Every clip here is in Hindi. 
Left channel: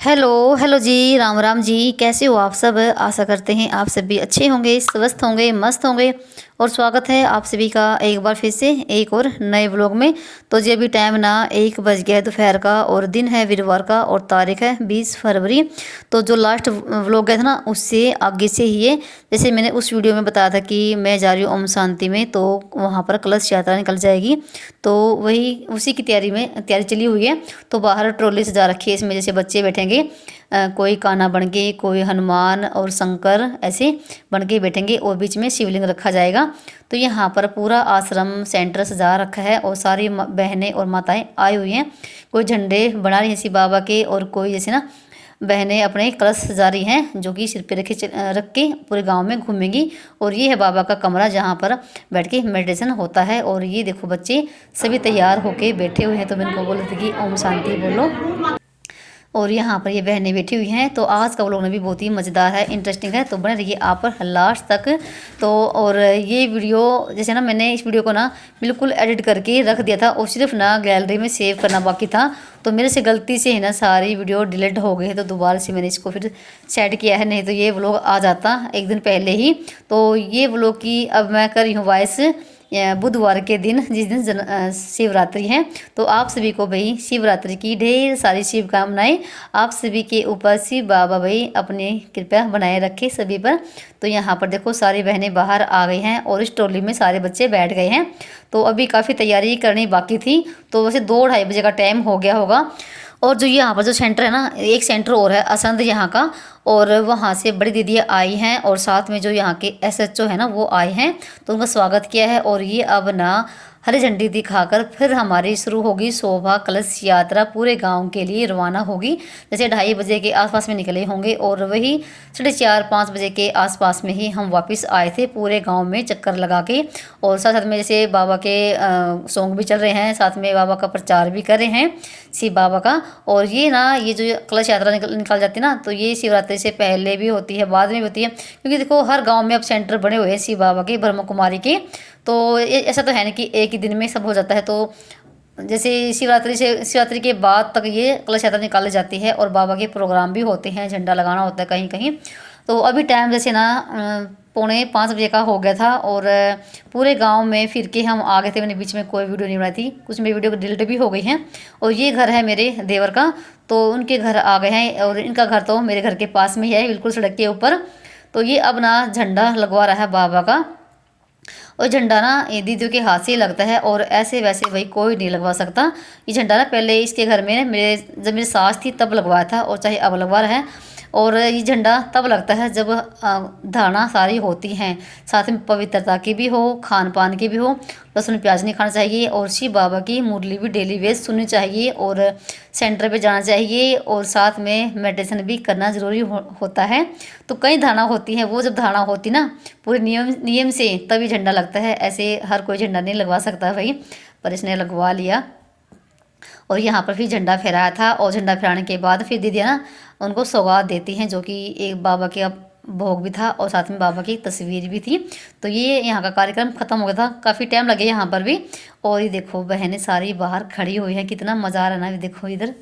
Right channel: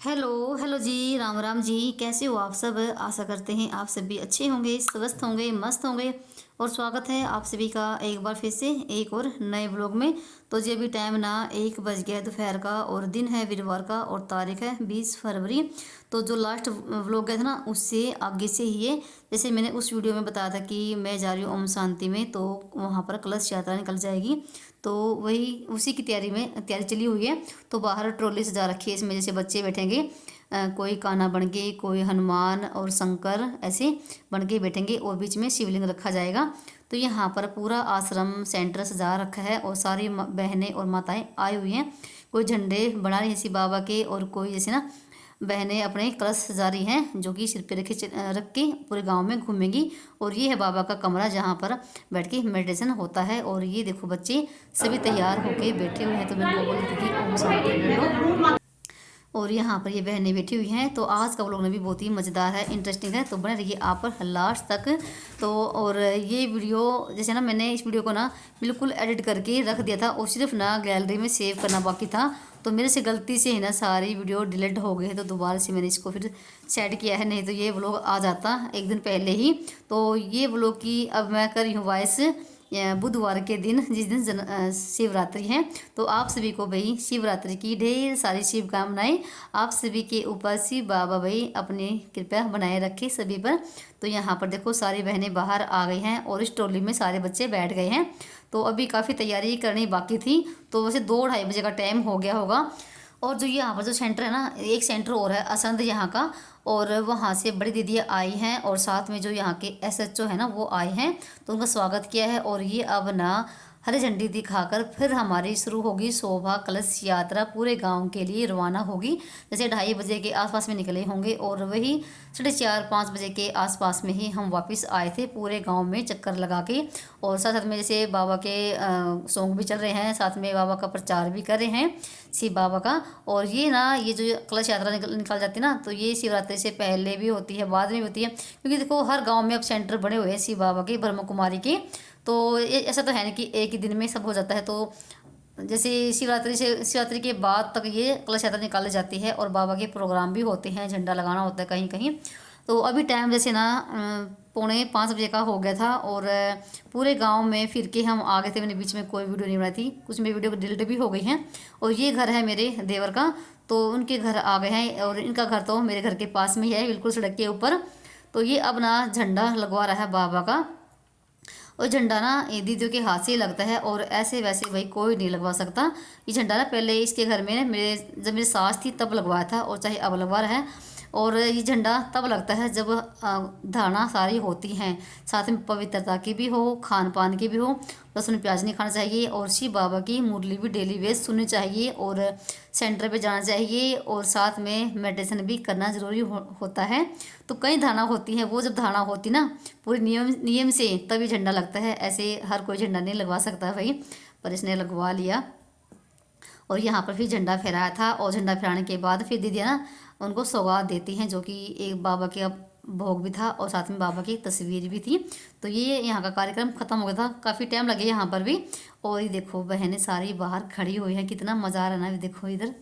हेलो हेलो जी, राम राम जी। कैसे हो आप सब? आशा करते हैं आप सभी अच्छे होंगे, स्वस्थ होंगे, मस्त होंगे। और स्वागत है आप सभी का एक बार फिर से एक और नए व्लॉग में। तो जी अभी टाइम ना 1 बज गया है दोपहर का, और दिन है वीरवार का, और तारीख है 20 फरवरी। तो जो लास्ट व्लॉग गया था ना, उससे आगे से ही है। जैसे मैंने उस वीडियो में बताया था कि मैं जा रही हूँ ओम शांति में, तो वहाँ पर कलश यात्रा निकल जाएगी। तो वही उसी की तैयारी चली हुई है। तो बाहर ट्रॉली सजा रखी है, इसमें जैसे बच्चे बैठेंगे, कोई कान्हा बन के, कोई हनुमान और शंकर ऐसे बन के बैठेंगे, और बीच में शिवलिंग रखा जाएगा। तो यहाँ पर पूरा आश्रम सेंटर सजा रखा है, और सारी बहनें और माताएं आई हुई हैं। कोई झंडे बना रही हैं शिव बाबा के, और कोई जैसे ना बहनें अपने कलश सजा रही हैं, जो कि सिर पे रख के पूरे गांव में घूमेंगी। और ये है बाबा का कमरा, जहाँ पर बैठ के मेडिटेशन होता है। और ये देखो बच्चे सभी तैयार होके बैठे हुए हैं। तो मैंने उनको बोला था कि ओम शांति बोलो। और यहाँ पर ये बहनें बैठी हुई हैं। तो आज का व्लॉग भी बहुत ही मज़ेदार है, इंटरेस्टिंग है, तो बने रहिए आप लास्ट तक। तो और ये वीडियो जैसे ना, मैंने इस वीडियो को ना बिल्कुल एडिट करके रख दिया था, और सिर्फ ना गैलरी में सेव करना बाकी था। तो मेरे से गलती से है ना सारी वीडियो डिलीट हो गई है, तो दोबारा से मैंने इसको फिर सेट किया है, नहीं तो ये व्लॉग आ जाता एक दिन पहले ही। तो ये व्लॉग की अब मैं कर रही हूँ वॉइस बुधवार के दिन, जिस दिन शिवरात्रि है। तो आप सभी को भाई शिवरात्रि की ढेर सारी शुभकामनाएं। आप सभी के ऊपर शिव बाबा भाई अपनी कृपा बनाए रखे सभी पर। तो यहाँ पर देखो सारी बहनें बाहर आ गई हैं, और इस ट्रॉली में सारे बच्चे बैठ गए हैं। तो अभी काफ़ी तैयारी करनी बाकी थी। तो वैसे 2-2:30 बजे का टाइम हो गया होगा। और जो यहाँ पर जो सेंटर है ना, एक सेंटर और है असंध यहाँ का, और वहाँ से बड़ी दीदी आई हैं, और साथ में जो यहाँ के एसएचओ है ना वो आए हैं। तो उनका स्वागत किया है। और ये अब ना हरी झंडी दिखाकर फिर हमारी शुरू होगी शोभा कलश यात्रा, पूरे गांव के लिए रवाना होगी। जैसे 2:30 बजे के आसपास में निकले होंगे, और वही 4:30-5 बजे के आसपास में ही हम वापस आए थे, पूरे गांव में चक्कर लगा के। और साथ साथ में जैसे बाबा के सॉन्ग भी चल रहे हैं, साथ में बाबा का प्रचार भी कर रहे हैं शिव बाबा का। और ये ना ये जो कलश यात्रा निकल जाती है ना, तो ये शिवरात्रि से पहले भी होती है, बाद में भी होती है, क्योंकि देखो हर गांव में अब सेंटर बने हुए हैं शिव बाबा के, ब्रह्म कुमारी के। तो ऐसा तो है ना कि एक ही दिन में सब हो जाता है। तो जैसे शिवरात्रि के बाद तक ये कलश यात्रा निकाली जाती है, और बाबा के प्रोग्राम भी होते हैं, झंडा लगाना होता है कहीं कहीं। तो अभी टाइम जैसे ना 4:45 बजे का हो गया था, और पूरे गांव में फिर के हम आ गए थे। मैंने बीच में कोई वीडियो नहीं बनाई थी, कुछ मेरी वीडियो डिलीट भी हो गई हैं। और ये घर है मेरे देवर का, तो उनके घर आ गए हैं, और इनका घर तो मेरे घर के पास में ही है, बिल्कुल सड़क के ऊपर। तो ये अब ना झंडा लगवा रहा है बाबा का। और झंडा ना ये दीदियों के हाथ से ही लगता है, और ऐसे वैसे भाई कोई नहीं लगवा सकता। ये झंडा ना पहले इसके घर में मेरे जब मेरी सास थी तब लगवाया था, और चाहे अब लगवा रहा है। और ये झंडा तब लगता है जब धारणा सारी होती हैं, साथ में पवित्रता की भी हो, खान पान की भी हो। लहसुन प्याज नहीं खाना चाहिए, और शिव बाबा की मुरली भी डेली बेस सुननी चाहिए, और सेंटर पे जाना चाहिए, और साथ में मेडिटेशन भी करना ज़रूरी होता है। तो कई धारणा होती हैं, वो जब धारणा होती ना पूरे नियम नियम से, तभी झंडा लगता है। ऐसे हर कोई झंडा नहीं लगवा सकता भाई, पर इसने लगवा लिया। और यहाँ पर फिर झंडा फहराया था, और झंडा फहराने के बाद फिर दीदी ना उनको सौगात देती हैं, जो कि एक बाबा के भोग भी था, और साथ में बाबा की तस्वीर भी थी। तो ये यहाँ का कार्यक्रम ख़त्म हो गया था, काफ़ी टाइम लगे यहाँ पर भी। और ये देखो बहनें सारी बाहर खड़ी हुई हैं, कितना मज़ा आ रहा है ना, ये देखो इधर।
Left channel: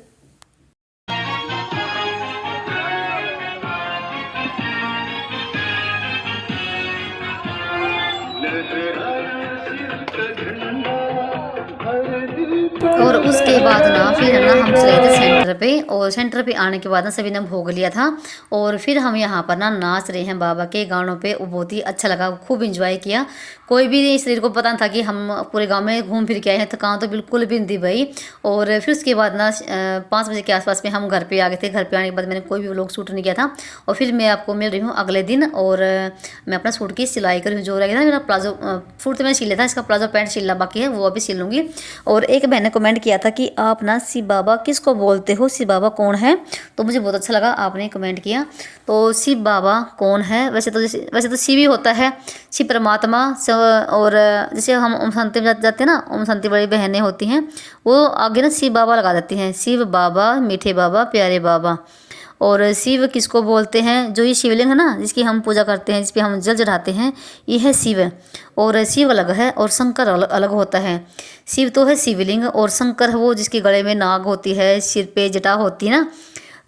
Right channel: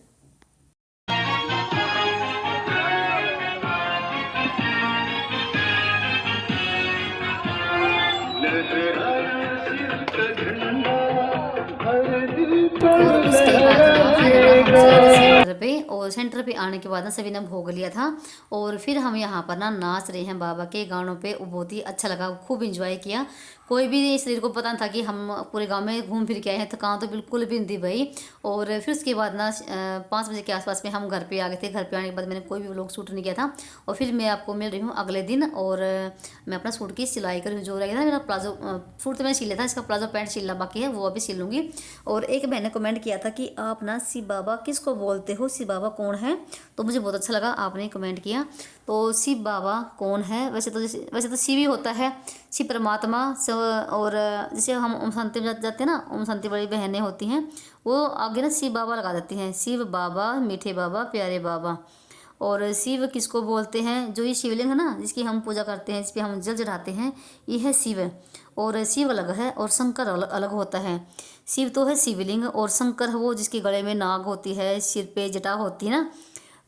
और उसके बाद ना फिर ना हम चले थे सेंटर पे, और सेंटर पे आने के बाद ना सभी ने भोग लिया था। और फिर हम यहाँ पर ना नाच रहे हैं बाबा के गानों पे, वो बहुत ही अच्छा लगा, खूब इंजॉय किया। कोई भी शरीर को पता नहीं था कि हम पूरे गांव में घूम फिर के आए हैं, थकान तो बिल्कुल भी नहीं थी भाई। और फिर उसके बाद ना 5 बजे के आसपास में हम घर पे आ गए थे। घर पे आने के बाद मैंने कोई भी व्लॉग शूट नहीं किया था। और फिर मैं आपको मिल रही हूँ अगले दिन, और मैं अपना सूट की सिलाई कर रही हूँ, जो रहेगा ना मेरा प्लाजो सूट तो मैंने सिल लिया था, इसका प्लाजो पैंट सिलना बाकी है, वो अभी सिल लूँगी। और एक बहन ने कमेंट किया था कि आप ना शिव बाबा किसको बोलते हो, शिव बाबा कौन है? तो मुझे बहुत अच्छा लगा आपने कमेंट किया। तो शिव बाबा कौन है? वैसे तो शिव ही होता है, शिव परमात्मा। और जैसे हम ओम शांति में जाते हैं ना, ओम शांति बड़ी बहनें होती हैं, वो आगे ना शिव बाबा लगा देती हैं, शिव बाबा, मीठे बाबा, प्यारे बाबा। और शिव किसको बोलते हैं? जो ये शिवलिंग है ना, जिसकी हम पूजा करते हैं, जिस पे हम जल चढ़ाते हैं, ये है शिव। और शिव अलग है, और शंकर अलग अलग होता है। शिव तो है शिवलिंग, और शंकर है वो जिसके गले में नाग होती है, सिर पे जटा होती है ना,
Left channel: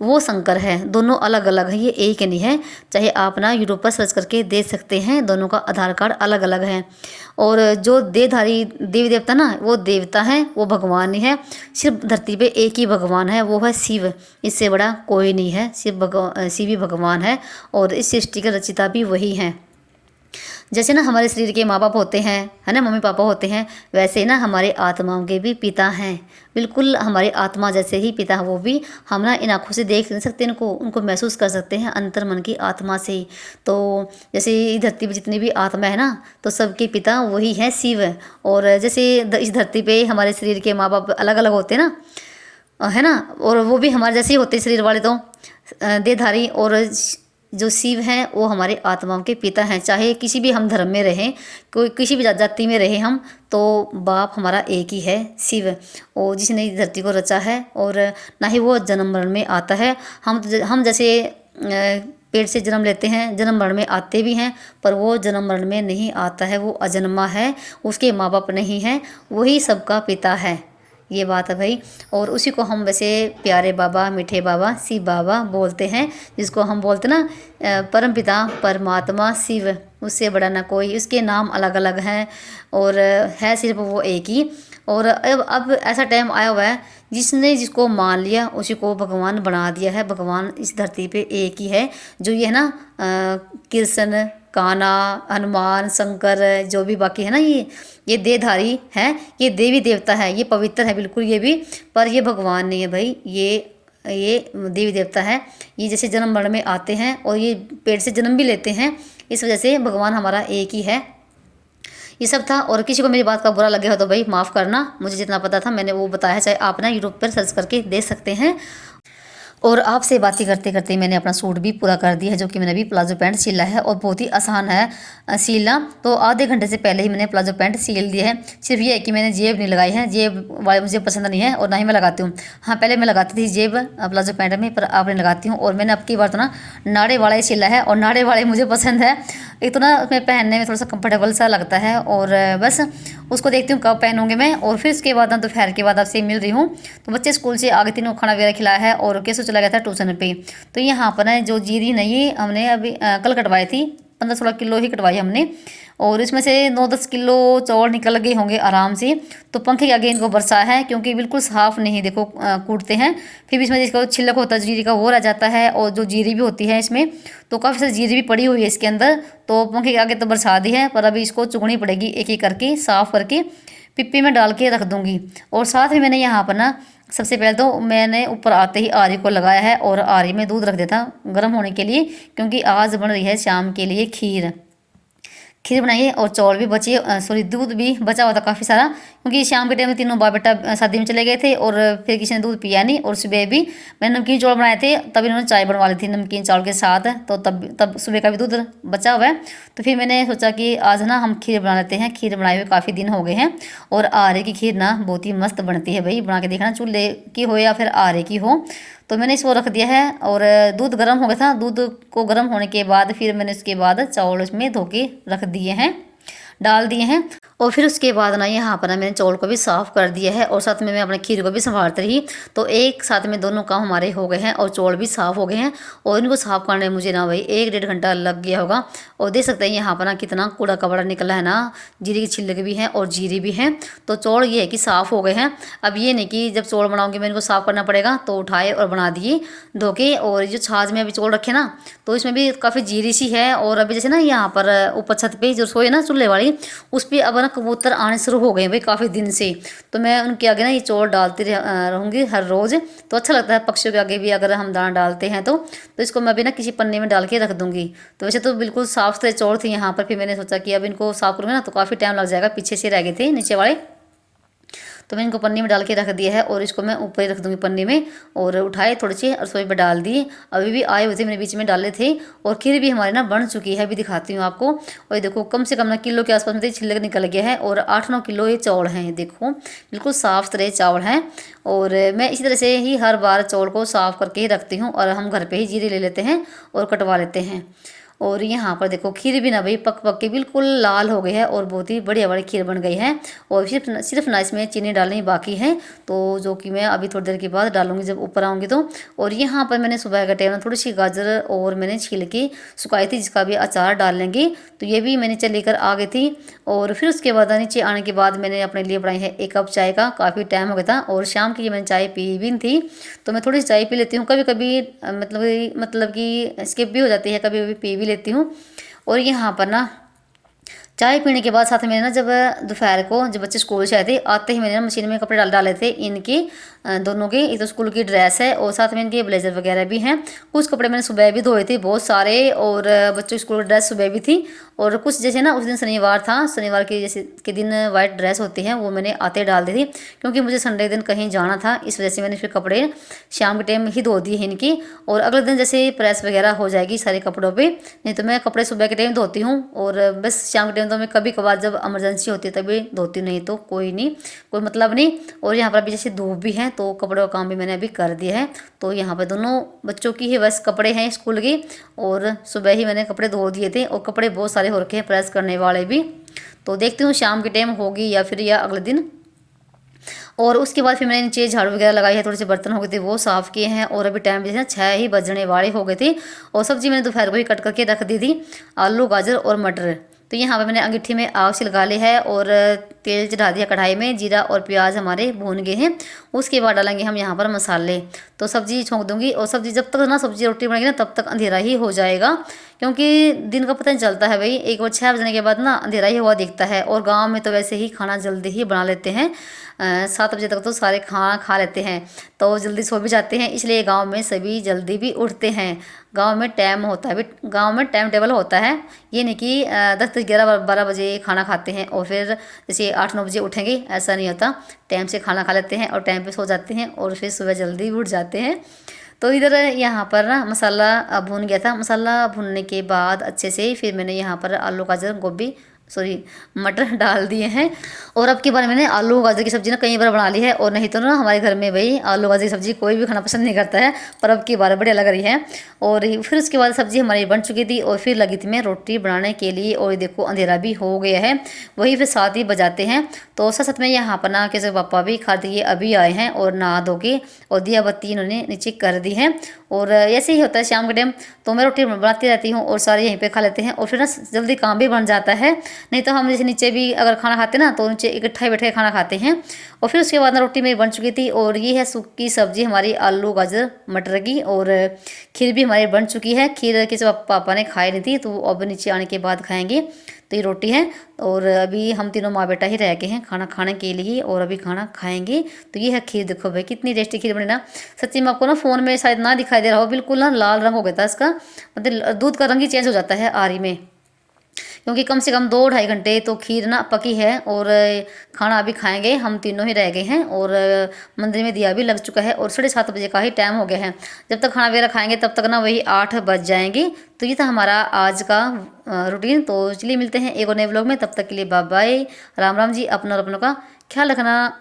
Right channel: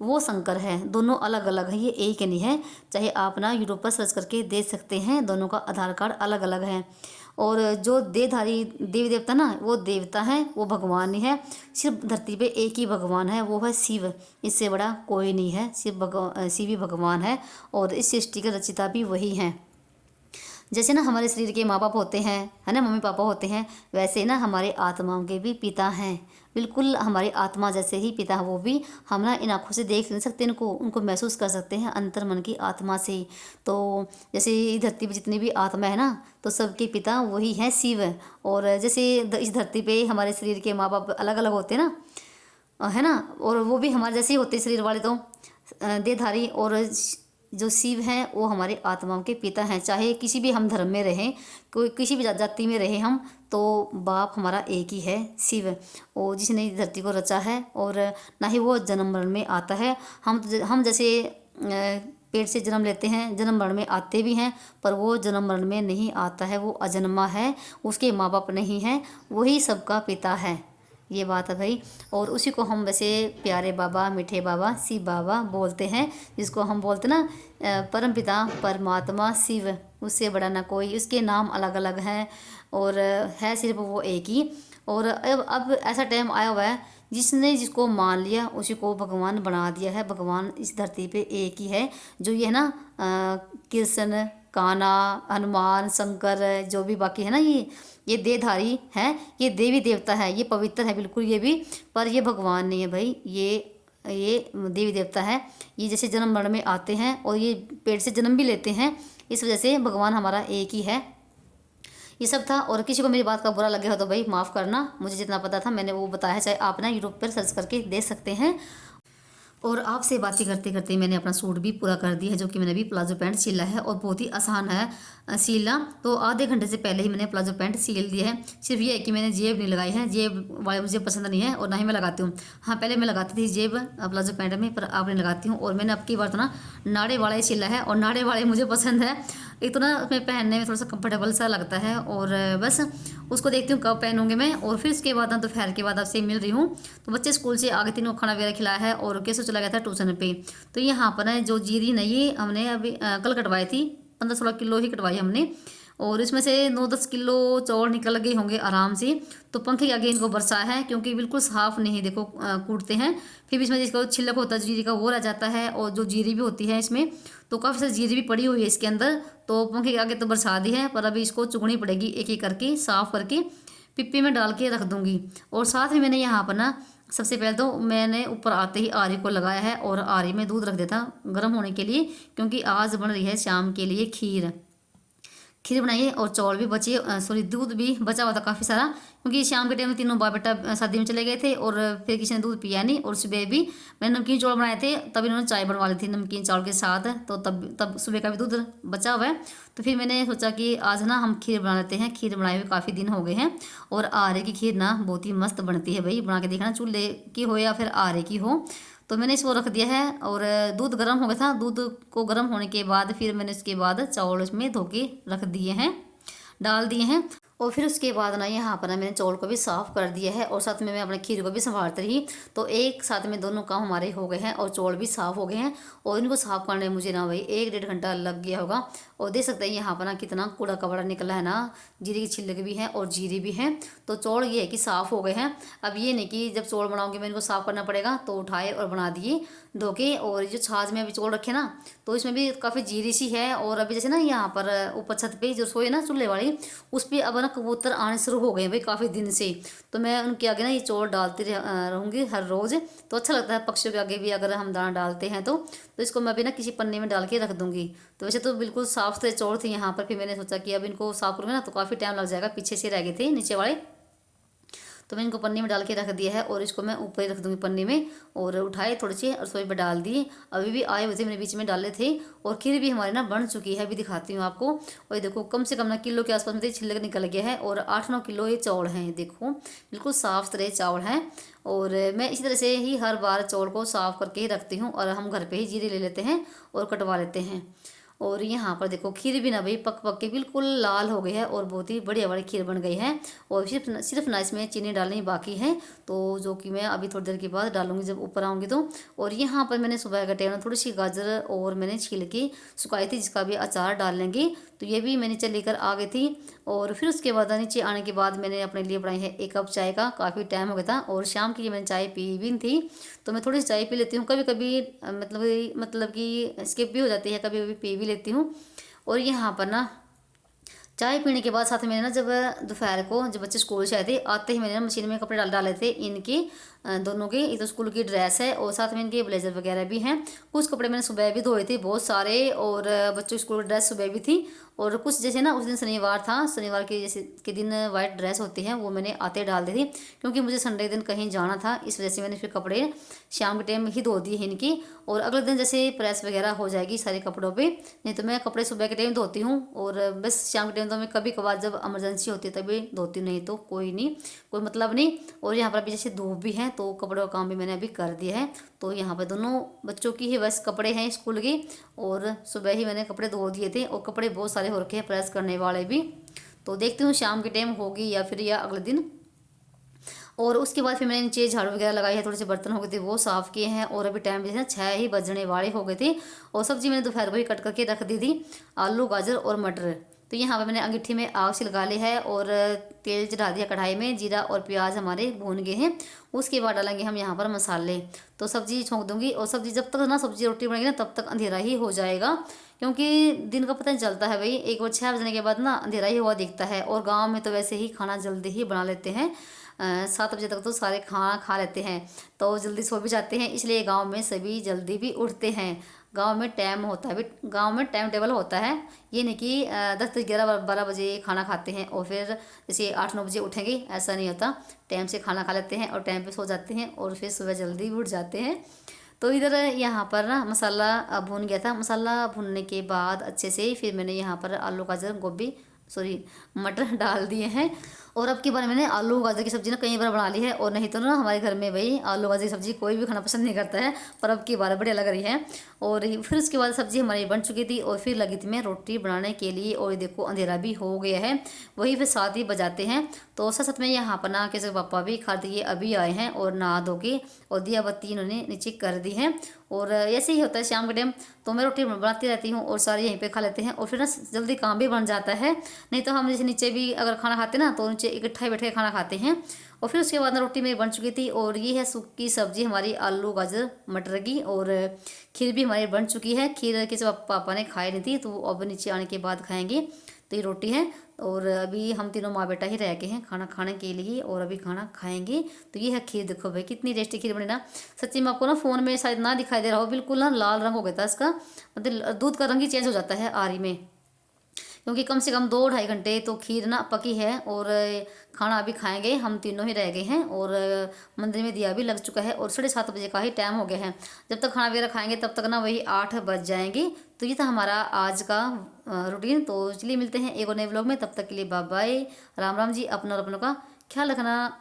वो शंकर है। दोनों अलग अलग है, ये एक नहीं है। चाहे आप ना यूट्यूब पर सर्च करके देख सकते हैं, दोनों का आधार कार्ड अलग अलग है। और जो देहधारी देवी देवता ना, वो देवता है, वो भगवान ही है। सिर्फ धरती पे एक ही भगवान है, वो है शिव। इससे बड़ा कोई नहीं है, सिर्फ शिव ही भगवान है। और इस सृष्टि का रचिता भी वही है। जैसे ना हमारे शरीर के माँ बाप होते हैं, है ना, मम्मी पापा होते हैं, वैसे ही ना हमारे आत्माओं के भी पिता हैं। बिल्कुल हमारी आत्मा जैसे ही पिता है वो भी। हम ना इन आँखों से देख नहीं सकते इनको, उनको महसूस कर सकते हैं अंतर मन की आत्मा से ही। तो जैसे धरती पे जितनी भी आत्मा है ना, तो सबके पिता वही है, शिव। और जैसे इस धरती पे हमारे शरीर के माँ बाप अलग अलग होते हैं ना, है ना, और वो भी हमारे जैसे ही होते हैं शरीर वाले, तो देहधारी। और जो शिव हैं वो हमारे आत्माओं के पिता हैं। चाहे किसी भी हम धर्म में रहें, कोई किसी भी जाति में रहें हम, तो बाप हमारा एक ही है, शिव। और जिसने इस धरती को रचा है, और ना ही वो जन्म मरण में आता है। हम जैसे पेट से जन्म लेते हैं, जन्म मरण में आते भी हैं, पर वो जन्म मरण में नहीं आता है, वो अजन्मा है, उसके माँ बाप नहीं हैं, वही सबका पिता है। ये बात है भाई। और उसी को हम वैसे प्यारे बाबा, मीठे बाबा, शिव बाबा बोलते हैं, जिसको हम बोलते ना परम पिता परमात्मा शिव। उससे बड़ा ना कोई, उसके नाम अलग अलग हैं और है सिर्फ वो एक ही। और अब ऐसा टाइम आया हुआ है, जिसने जिसको मान लिया उसी को भगवान बना दिया है। भगवान इस धरती पे एक ही है, जो ये है ना कृष्ण, कान्हा, हनुमान, शंकर, जो भी बाकी है ना, ये देहधारी हैं, ये देवी देवता है, ये पवित्र है बिल्कुल ये भी। पर ये भगवान नहीं है भाई, ये देवी देवता है। ये जैसे जन्म मरण में आते हैं और ये पेट से जन्म भी लेते हैं, इस वजह से भगवान हमारा एक ही है। ये सब था। और किसी को मेरी बात का बुरा लगे हो तो भाई माफ़ करना, मुझे जितना पता था मैंने वो बताया। चाहे आप ना यूट्यूब पर सर्च करके देख सकते हैं। और आपसे बातें करते करते मैंने अपना सूट भी पूरा कर दिया है, जो कि मैंने अभी प्लाजो पैंट सिला है, और बहुत ही आसान है सिलना। तो आधे घंटे से पहले ही मैंने प्लाजो पैंट सिल दिया है। सिर्फ ये है कि मैंने जेब नहीं लगाई है, जेब वाले मुझे पसंद नहीं है और ना ही मैं लगाती हूँ। हाँ, पहले मैं लगाती थी जेब प्लाजो पैंट में, पर अब नहीं लगाती हूँ। और मैंने अब की बार तो ना नाड़े वाला ही सिला है, और नाड़े वाले मुझे पसंद है। एक तो ना उसमें पहनने में थोड़ा सा कंफर्टेबल सा लगता है, और बस उसको देखती हूँ कब पहनूंगी मैं। और फिर उसके बाद ना दोपहर के बाद आपसे मिल रही हूँ। तो बच्चे स्कूल से आगे, तीनों खाना वगैरह खिलाया है, और कैसे चला गया था ट्यूशन पे। तो यहाँ पर ना जो जीरी नहीं, हमने अभी कल कटवाई थी, 15-16 किलो ही कटवाई हमने। और इसमें से 9-10 किलो चौल निकल गए होंगे आराम से। तो पंखे के आगे इनको बरसा है, क्योंकि बिल्कुल साफ़ नहीं, देखो कूटते हैं। फिर भी इसमें जिसका छिलक होता है जीरी का, वो रह जाता है। और जो जीरी भी होती है इसमें, तो काफ़ी सारी जीरी भी पड़ी हुई है इसके अंदर। तो पंखे के आगे तो बरसा दी है, पर अभी इसको चुगनी पड़ेगी एक एक करके, साफ़ करके पिप्पी में डाल के रख दूँगी। और साथ में मैंने यहाँ पर ना सबसे पहले तो मैंने ऊपर आते ही आरी को लगाया है, और आरी में दूध रख देता गर्म होने के लिए, क्योंकि आज बन रही है शाम के लिए खीर बनाइए। और चौल भी बचे, सॉरी दूध भी बचा हुआ था काफ़ी सारा, क्योंकि शाम के टाइम में तीनों बाप बेटा शादी में चले गए थे, और फिर किसी ने दूध पिया नहीं। और सुबह भी मैंने नमकीन चौल बनाए थे, तब इन्होंने चाय बनवा ली थी नमकीन चावल के साथ। तो तब सुबह का भी दूध बचा हुआ है। तो फिर मैंने सोचा कि आज ना हम खीर बना लेते हैं। खीर बनाए हुए काफ़ी दिन हो गए हैं, और आरे की खीर ना बहुत ही मस्त बनती है भाई, बना के देखना, चूल्हे की हो या फिर आरे की हो। तो मैंने इसको रख दिया है, और दूध गर्म हो गया था। दूध को गर्म होने के बाद फिर मैंने उसके बाद चावल उसमें धो के रख दिए हैं, डाल दिए हैं। और फिर उसके बाद ना यहाँ पर ना मैंने चावल को भी साफ़ कर दिया है, और साथ में मैं अपने खीर को भी संभालती रही। तो एक साथ में दोनों काम हमारे हो गए हैं, और चावल भी साफ़ हो गए हैं। और इनको साफ़ करने में मुझे ना भाई 1-1.5 घंटा लग गया होगा। और देख सकते हैं यहाँ पर ना कितना कूड़ा कबाड़ा निकला है ना, जीरे की छिलक भी हैं और जीरे भी हैं। तो चावल ये है कि साफ़ हो गए हैं। अब ये नहीं कि जब चावल बनाऊँगी मैं इनको साफ़ करना पड़ेगा, तो उठाए और बना दिए धो के। और जो छाछ में अभी चावल रखे ना, तो इसमें भी काफ़ी जीरी सी है। और अभी जैसे ना यहाँ पर ऊपर छत पर जो रसोई है ना चूल्हे वाली, उस पर अब ना कबूतर आने शुरू हो गए भाई काफ़ी दिन से। तो मैं उनके आगे ना ये चौल डालती रहूँगी हर रोज़। तो अच्छा लगता है पक्षियों के आगे भी अगर हम दाना डालते हैं तो इसको मैं भी ना किसी पन्ने में डाल के रख दूँगी। तो वैसे तो बिल्कुल साफ़ सुथरे चौल थे यहाँ पर। फिर मैंने सोचा कि अब इनको साफ़ करूँगी ना तो काफ़ी टाइम लग जाएगा, पीछे से रह गए थे नीचे वाले। तो मैं इनको पन्नी में डाल के रख दिया है, और इसको मैं ऊपर ही रख दूँगी पन्नी में। और उठाए थोड़े से रसोई पर डाल दिए, अभी भी आए हुए थे, मैंने बीच में डाले थे। और खीर भी हमारी ना बन चुकी है, अभी दिखाती हूँ आपको। और ये देखो कम से कम ना किलो के आसपास में छिलक निकल गया है, और 8-9 किलो ये चावल हैं। ये देखो बिल्कुल साफ़ सुथरे चावल हैं। और मैं इसी तरह से ही हर बार चावल को साफ़ करके ही रखती हूँ, और हम घर पर ही जीरे ले लेते हैं और कटवा लेते हैं। और यहाँ पर देखो खीर भी ना भाई पक पक के बिल्कुल लाल हो गई है और बहुत ही बढ़िया वाली खीर बन गई है। और सिर्फ ना इसमें चीनी डालनी बाकी है, तो जो कि मैं अभी थोड़ी देर के बाद डालूंगी जब ऊपर आऊँगी तो। और यहाँ पर मैंने सुबह का टाइम थोड़ी सी गाजर और मैंने छील के सुखाई थी, जिसका भी अचार डाल लेंगे, तो ये भी मैंने चल लेकर आ गई थी। और फिर उसके बाद नीचे आने के बाद मैंने अपने लिए बनाई है 1 कप चाय का, काफ़ी टाइम हो गया था और शाम की मैंने चाय पी भी नहीं थी, तो मैं थोड़ी सी चाय पी लेती हूँ कभी कभी, मतलब कि स्किप भी हो जाती है, कभी कभी पी भी लेती हूँ। और यहाँ पर ना चाय पीने के बाद साथ में ना जब दोपहर को जब बच्चे स्कूल से आए थे, आते ही मैंने ना मशीन में कपड़े डाले थे इनके दोनों के, एक तो स्कूल की ड्रेस है और साथ में इनके ब्लेजर वगैरह भी हैं। कुछ कपड़े मैंने सुबह भी धोए थे बहुत सारे, और बच्चों की स्कूल की ड्रेस सुबह भी थी। और कुछ जैसे ना उस दिन शनिवार था, शनिवार के जैसे के दिन वाइट ड्रेस होती है वो मैंने आते डाल दी थी, क्योंकि मुझे संडे दिन कहीं जाना था, इस वजह से मैंने फिर कपड़े शाम के टाइम ही धो दिए हैं इनकी। और अगले दिन जैसे प्रेस वगैरह हो जाएगी सारे कपड़ों पे, नहीं तो मैं कपड़े सुबह के टाइम धोती हूँ, और बस शाम के टाइम तो मैं कभी कभार जब इमरजेंसी होती है तभी धोती हूँ, नहीं तो कोई नहीं, कोई मतलब नहीं। और यहाँ पर अभी जैसे धूप भी है तो कपड़ों का काम भी मैंने अभी कर दिया है। तो यहाँ पर दोनों बच्चों की ही बस कपड़े हैं स्कूल की, और सुबह ही मैंने कपड़े धो दिए थे, और कपड़े बहुत सारे हो रखे हैं प्रेस करने वाले भी। तो देखती हूँ शाम के टाइम होगी या फिर या अगले दिन। और उसके बाद फिर मैंने नीचे झाड़ू वगैरह लगाई है, थोड़े से बर्तन हो गए थे वो साफ़ किए हैं, और अभी टाइम जैसे 6 ही बजने वाले हो गए थे। और सब्जी मैंने दोपहर को ही कट करके रख दी थी, आलू गाजर और मटर। तो यहाँ पर मैंने अंगीठी में आग से लगा ली है और तेल चढ़ा दिया कढ़ाई में, जीरा और प्याज हमारे भून गए हैं। उसके बाद डालेंगे हम यहाँ पर मसाले। तो सब्जी छोंक दूंगी, और सब्जी जब तक ना सब्जी रोटी बनेगी ना तब तक अंधेरा ही हो जाएगा, क्योंकि दिन का पता नहीं चलता है भाई, एक बार 6 बजने के बाद ना अंधेरा ही हुआ दिखता है। और गाँव में तो वैसे ही खाना जल्दी ही बना लेते हैं, 7 बजे तक तो सारे खाना खा लेते हैं, तो जल्दी सो भी जाते हैं, इसलिए गांव में सभी जल्दी भी उठते हैं। गांव में टाइम होता है, गांव में टाइम टेबल होता है, ये नहीं कि 10 11 12 बजे खाना खाते हैं और फिर जैसे 8 9 बजे उठेंगे, ऐसा नहीं होता। टाइम से खाना खा लेते हैं और टाइम पे सो जाते हैं, और फिर सुबह जल्दी उठ जाते हैं। तो इधर यहाँ पर ना मसाला भून गया था, मसाला भूनने के बाद अच्छे से फिर मैंने यहाँ पर आलू गाजर गोभी सॉरी मटर डाल दिए हैं। और अब की बार मैंने आलू गाजर की सब्ज़ी ना कई बार बना ली है, और नहीं तो ना हमारे घर में भाई आलू गाजर की सब्ज़ी कोई भी खाना पसंद नहीं करता है, पर अब की बार बढ़िया लग रही है। और फिर उसके बाद सब्ज़ी हमारी बन चुकी थी, और फिर लगी थी मैं रोटी बनाने के लिए, और देखो अंधेरा भी हो गया है, वही फिर 7 ही बजाते हैं। तो साथ में यहाँ पर ना कैसे पापा भी खा दिए अभी आए हैं, और नहा धो के और दिया बत्ती इन्होंने नीचे कर दी है। और ऐसे ही होता है शाम के टाइम, तो मैं रोटी बनाती रहती हूँ और सारे यहीं पे खा लेते हैं, और फिर ना जल्दी काम भी बन जाता है। नहीं तो हम जैसे नीचे भी अगर खाना खाते ना तो नीचे इकट्ठा ही बैठ के खाना खाते हैं। और फिर उसके बाद ना रोटी मेरी बन चुकी थी, और ये है सूखी सब्जी हमारी आलू गाजर मटर की, और खीर भी हमारी बन चुकी है। खीर किसी पापा ने खाई नहीं थी, तो अब नीचे आने के बाद खाएंगे। तो ये रोटी है, और अभी हम तीनों माँ बेटा ही रह गए हैं खाना खाने के लिए, और अभी खाना खाएंगे। तो ये है खीर, देखो भाई कितनी टेस्टी खीर बनी ना, सच्ची में आपको ना फ़ोन में शायद ना दिखाई दे रहा हो, बिल्कुल ना लाल रंग हो गया था इसका, मतलब दूध का रंग ही चेंज हो जाता है आरी में, क्योंकि कम से कम 2 ढाई घंटे तो खीर ना पकी है। और खाना अभी खाएंगे, हम तीनों ही रह गए हैं, और मंदिर में दिया भी लग चुका है, और 7:30 बजे का ही टाइम हो गया है। जब तक खाना वगैरह खाएंगे तब तक ना वही 8 बज जाएंगे। तो ये था हमारा आज का रूटीन। तो चलिए मिलते हैं एक और नए व्लॉग में, तब तक के लिए बाय बाय, राम राम जी, अपना और अपनों का ख्याल रखना।